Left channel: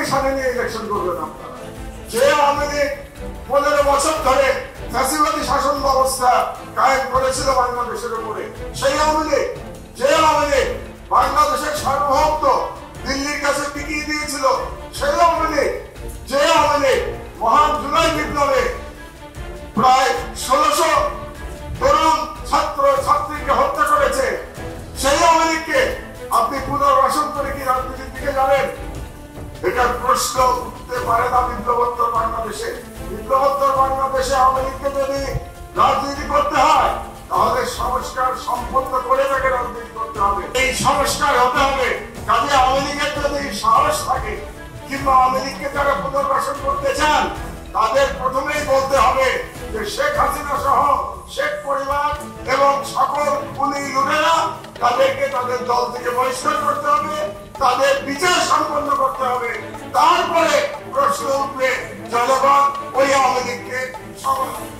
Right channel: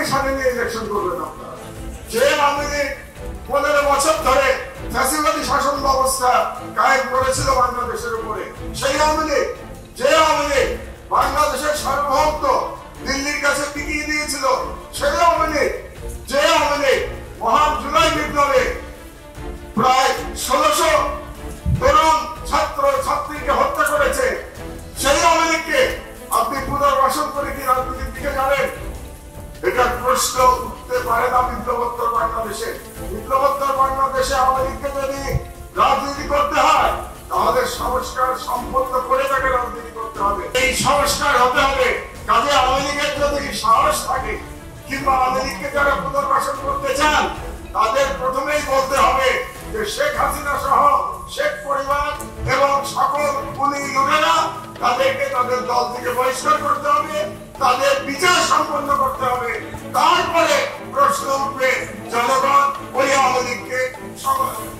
লীগকে সাথে নিয়ে ইলেকশন করবেন আপনারা। যে আওয়ামী লীগ 15 বছর ধরে ফ্যাসিবাদী শাসন ব্যবস্থা কায়েম করেছিল বাংলাদেশের উপরে, সেই আওয়ামী লীগ, যে আওয়ামী লীগ বাংলাদেশের সার্বভৌমত্ব দিল্লির কাছে টিকিয়ে দিয়েছিল, সেই আওয়ামী লীগ, যে আওয়ামী লীগ মহান জুলাই বিপ্লবে প্রায় 1600 তরুণ ছাত্র ছাত্রীকে হত্যা করেছে, সেই আওয়ামী লীগকে আপনি পুনর্বাসন করে কি রাজনীতির দিকে যাবেন? এটার প্রশ্ন উঠতে পারে না বিপ্লবোত্তর বাংলাদেশে। বিপ্লবোত্তর বাংলাদেশে আওয়ামী লীগকে যদি রাজনীতি করতে হয় তাহলে সংস্কার সম্পন্ন করে তাকে রাজনীতি করতে হবে। এই সংস্কার হতে হবে। কাজে আওয়ামী লীগের যদি সাহস থাকে কিংবা আওয়ামী লীগকে যারা পুনর্বাসন করতে চান তাদের প্রথমেই বলতে হবে যে শেখ হাসিনা সহ শেখ পরিবার এবং সকল খুনি লুটেরা তাদেরকে তাদের দল থেকে বহিষ্কার করতে হবে, তাদের বিচার সম্পন্ন করতে হবে। তারপরে প্রশ্ন উঠবে জনগণ ওই আওয়ামী লীগকে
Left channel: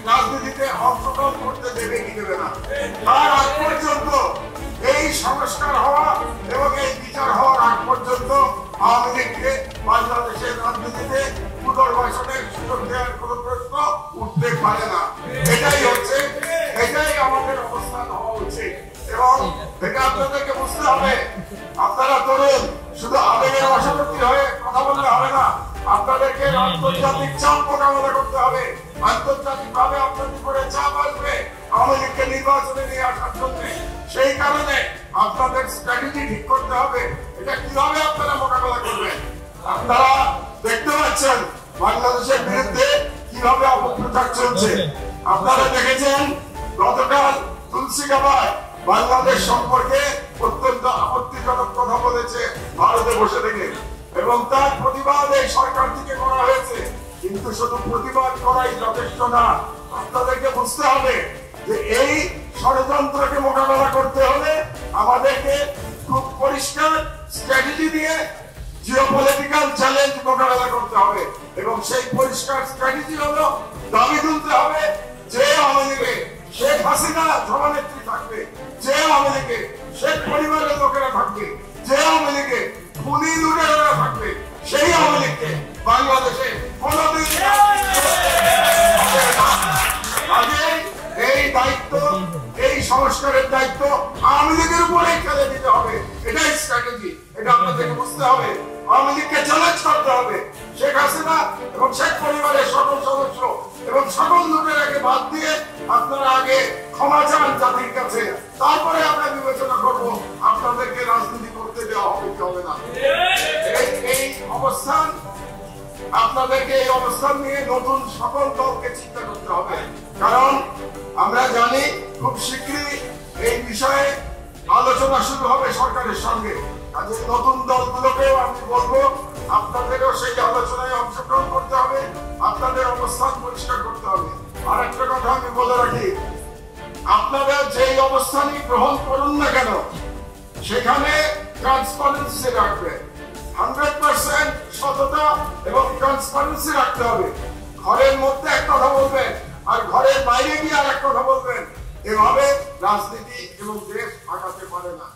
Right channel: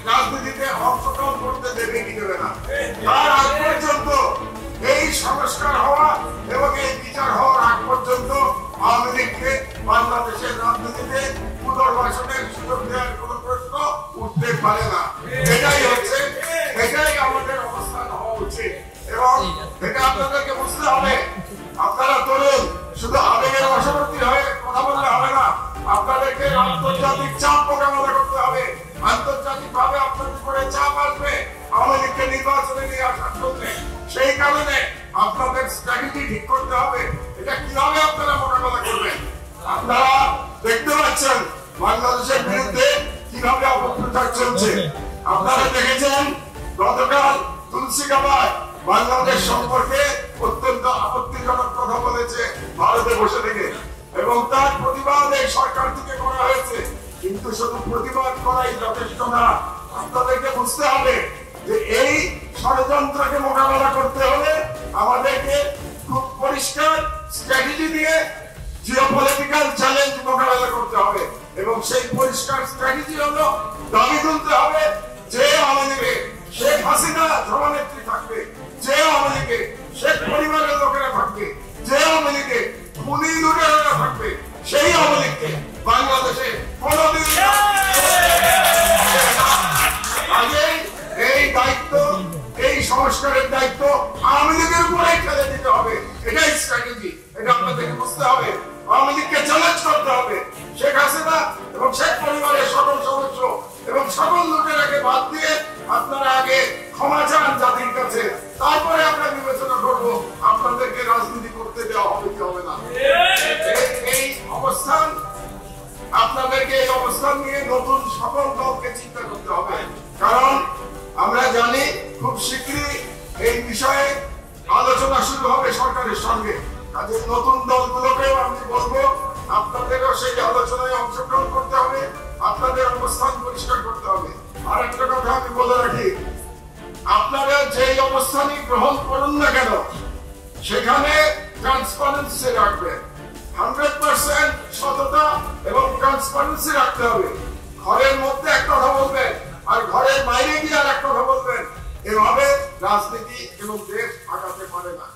রাজনীতিতে অংশগ্রহণ করতে দেবে কি দেবে না। তার আগ পর্যন্ত এই সংস্কার হওয়া এবং এই বিচার হওয়ার আগ পর্যন্ত আওয়ামী লীগকে বাংলাদেশের রাজনীতিতে পুনর্বাসনের সুযোগ দেওয়ার কোন প্রশ্ন উঠতে পারে না। এটাই আমাদের অবস্থান হওয়া উচিত এবং এটা আপনাদেরকে বুঝতে হবে। আপনারা তরুণ, শুধু আবেগের বশবর্তী হয়ে কথা বললে হবে না। আপনাদেরকে আন্তর্জাতিক চাপ মোকাবেলা করতে হবে। আন্তর্জাতিক ভাবে আপনাদের উপরে চাপ আসবে আওয়ামী লীগকে নির্বাচনে নিয়ে আসার জন্য। সেই কারণে আপনাদের স্ট্র্যাটেজি ঠিক করতে হবে, এটা কিভাবে আপনারা মোকাবেলা করবেন। আপনারা দেখতে পাচ্ছেন বাংলাদেশের বিরুদ্ধে কিভাবে অপপ্রচার চলছে। আপনারা দেখেছেন গতকাল তুলসী গাবায় বাংলাদেশ সম্পর্কে অত্যন্ত আপত্তিজনক কথা বলেছে ভারতে বসে থেকে, এবং তার প্রতিবাদ এই সরকার থেকে করা হয়েছে। কিন্তু শুধু প্রতিবাদ করাই যথেষ্ট না, আপনাদেরকে বুঝতে হবে যে এই ষড়যন্ত্রকে মোকাবেলা করতে হলে আমাদেরকে খুব পরিষ্কার স্ট্র্যাটেজি দিয়ে জিওপলিটিক্যাল চ্যালেঞ্জ মোকাবেলা করতে হবে। এবং সেই পরিষ্কার স্ট্র্যাটেজি হলো দাবি তুলতে হবে যে আওয়ামী লীগে শেখ হাসিনা সভানেত্রী থাকবে, যে আওয়ামী লীগে শেখ পরিবারের লোকেরা থাকবে, যে আওয়ামী লীগে খুনি লুটেরারা থাকবে, সেই আওয়ামী লীগকে বাংলাদেশে কোনদিন এই দায়িত্ব, এই সংস্কারের দায়িত্ব আওয়ামী লীগের উপরেই ফেলে দিতে হবে। এটাই স্ট্র্যাটেজি, এটা আপনাদেরকে বুঝতে হবে। আওয়ামী লীগকে চ্যালেঞ্জ করতে হবে। শেখ হাসিনা এবং শেখ পরিবারের সকল সদস্য এবং সকল লুটেরাকে বাদ দিয়ে আপনারা আগে ক্ষমা চান জাতির কাছে, তারপরে আমরা বিবেচনা করব আপনাদেরকে রাজনীতি করতে দেওয়া হবে কি হবে না। এই অবস্থান আপনাদেরকে, এই অবস্থান নিয়ে নতুন সকল দলকে চিন্তা করতে হবে। কারণ আমরা জানি খুব শীঘ্রই এই বিষয়ে আলোচনা শুরু হবে সরকারের সঙ্গে। কাজে নতুন দলগুলোকেও আমি বলবো আপনাদেরও সেই আলোচনায় অংশগ্রহণ করতে হবে, আপনাদের অবস্থান পরিষ্কার করতে হবে। আর একটা কথা আমি বলে রাখি, আপনারা যেই অবস্থানই গ্রহণ করুন না কেন সেখানে ট্রান্সপারেন্সি রাখবে, 100% সততা এবং ট্রান্সপারেন্সি রাখতে হবে। ঘরের মধ্যে এক কথা বলবেন আর ঘরের বাইরে গিয়ে আর এক কথা বলবেন, এভাবে রাজনীতি এবং দেশ আগাতে পারে না।